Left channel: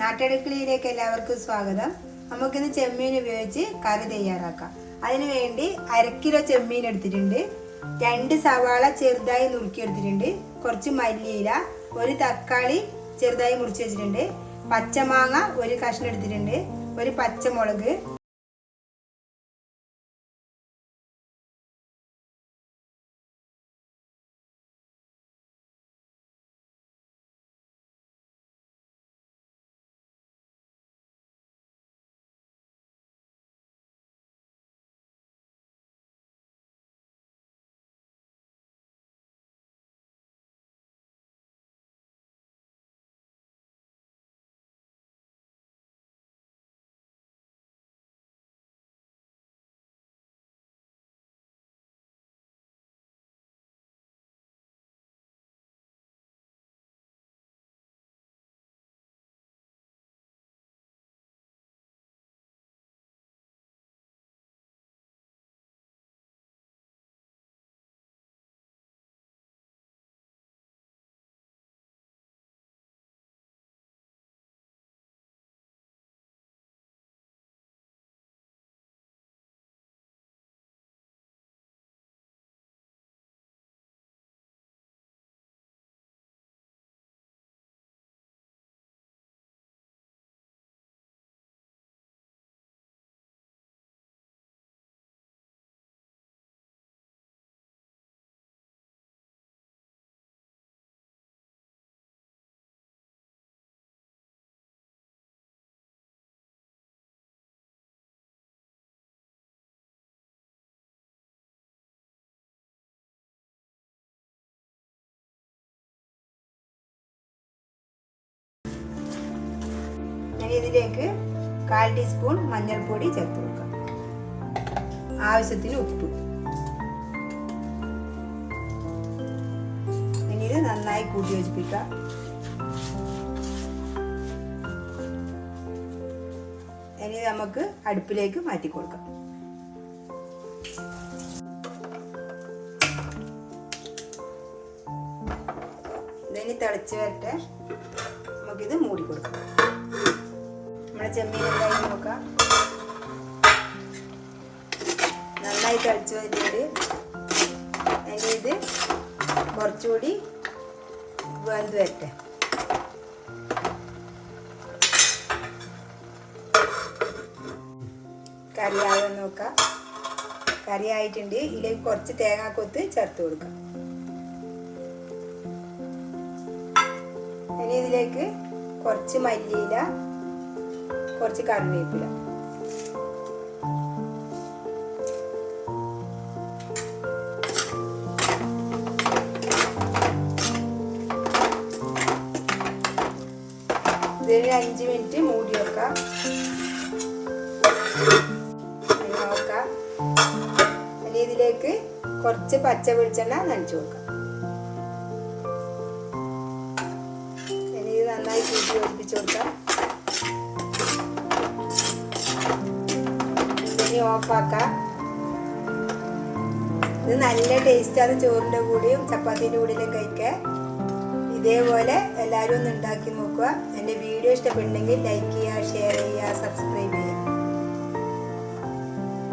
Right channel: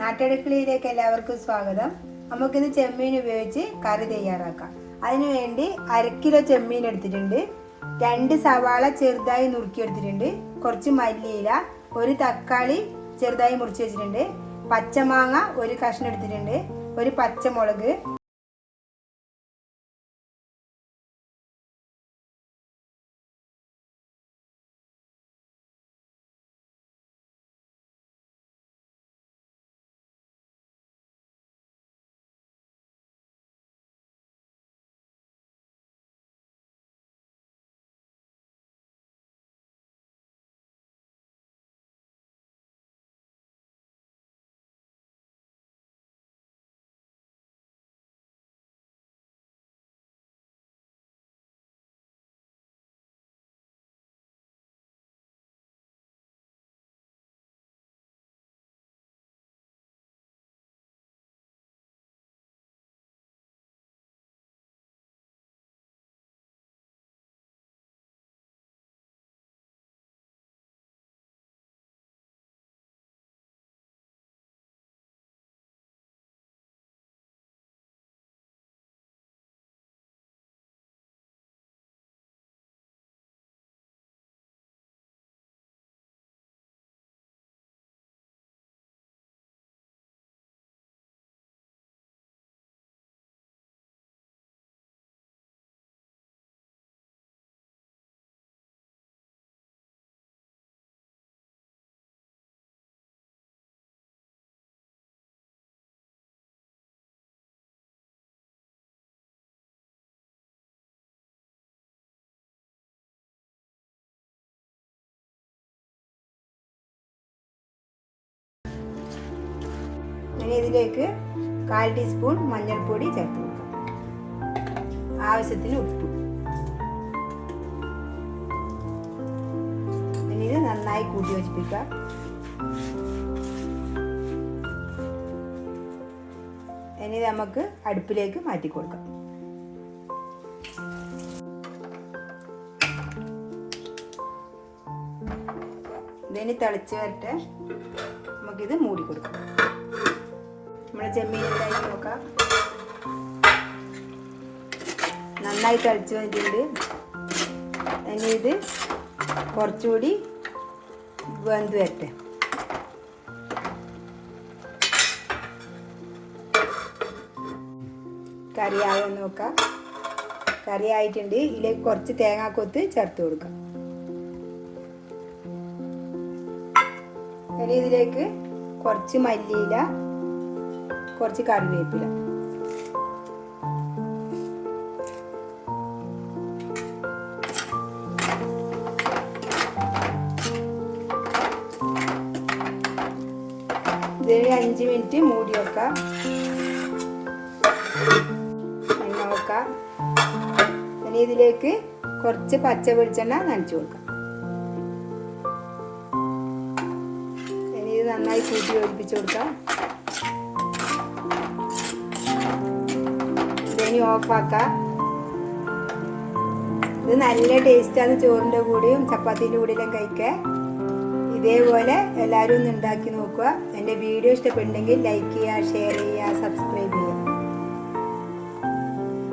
നാട്ടടുക്കളയിലേക്ക് എല്ലാവർക്കും സ്വാഗതം. നമുക്കിന്ന് ചെമ്മീൻ ഉപയോഗിച്ച് കറി തയ്യാറാക്കാം. അതിനുവേണ്ടി കിലോ ചെമ്മീൻ എടുത്തിട്ടുണ്ട്. രണ്ട് സവാള ചെറുതായി നുറുക്കിയെടുത്തിട്ടുണ്ട് കുറച്ച് മല്ലിയില ഒരു തക്കാളി ചെറുതായി മുറിച്ച് വെച്ചിട്ടുണ്ട്. പച്ചമാങ്ങ ഒരു കഷ്ണം എടുത്തിട്ടുണ്ട്. ഒരു പച്ചമുളക് ഇനി ഇതിലേക്ക് കാൽ ടീസ്പൂൺ മഞ്ഞൾപ്പൊടി ചേർത്ത് കൊടുക്കാം. ആവശ്യത്തിന് ഉപ്പ്. ഇനി ഇത് നന്നായി കൂട്ടി യോജിപ്പിക്കാം ഇനി നമുക്ക് അടുപ്പിലേക്ക് മാറ്റി കൊടുക്കാം. ഇനി തിളച്ച് വരട്ടെ. നമുക്കിത് മൂടി കൊടുക്കാം. നമ്മുടെ ചെമ്മീൻ നോക്കാം. നന്നായി തിളച്ച് വരുന്നുണ്ട്. ഇനി ഇത് കുറച്ചുകൂടി വെന്ത് വരട്ടെ. കറിയായോ നോക്കാം. കറി ആയിട്ടുണ്ട് ഇതിലേക്ക് കുറച്ച് തേങ്ങാക്കൊത്ത് ചേർത്ത് കൊടുക്കാം. ഇനി ഇതിലേക്ക് കുറച്ച് മല്ലിയില കുറച്ച് കറിവേപ്പില ഇതൊരു അഞ്ച് മിനിറ്റ് മൂടി വെക്കാം. നോക്കാം ഇനി ഇതിലേക്ക് കുറച്ച് പച്ച വെളിച്ചെണ്ണ നനച്ചു കൊടുക്കാം. ഇനി ഇത് നന്നായി കൂട്ടി ഒഴിപ്പിച്ചു കൊടുക്കാം. ഓഫാക്കാം ഇത് നല്ല ടേസ്റ്റാണ് ചോറിന്റെ കൂടെയും ചപ്പാത്തിന്റെ കൂടെയും കഴിക്കാൻ. ഇതേപോലെ എല്ലാവരും ഒന്ന് ഉണ്ടാക്കി നോക്കുക. എന്റെ വീഡിയോ ഇഷ്ടപ്പെട്ടെങ്കിൽ ലൈക്ക് ചെയ്യുക ഷെയർ ചെയ്യുക സബ്സ്ക്രൈബ് ചെയ്യുക.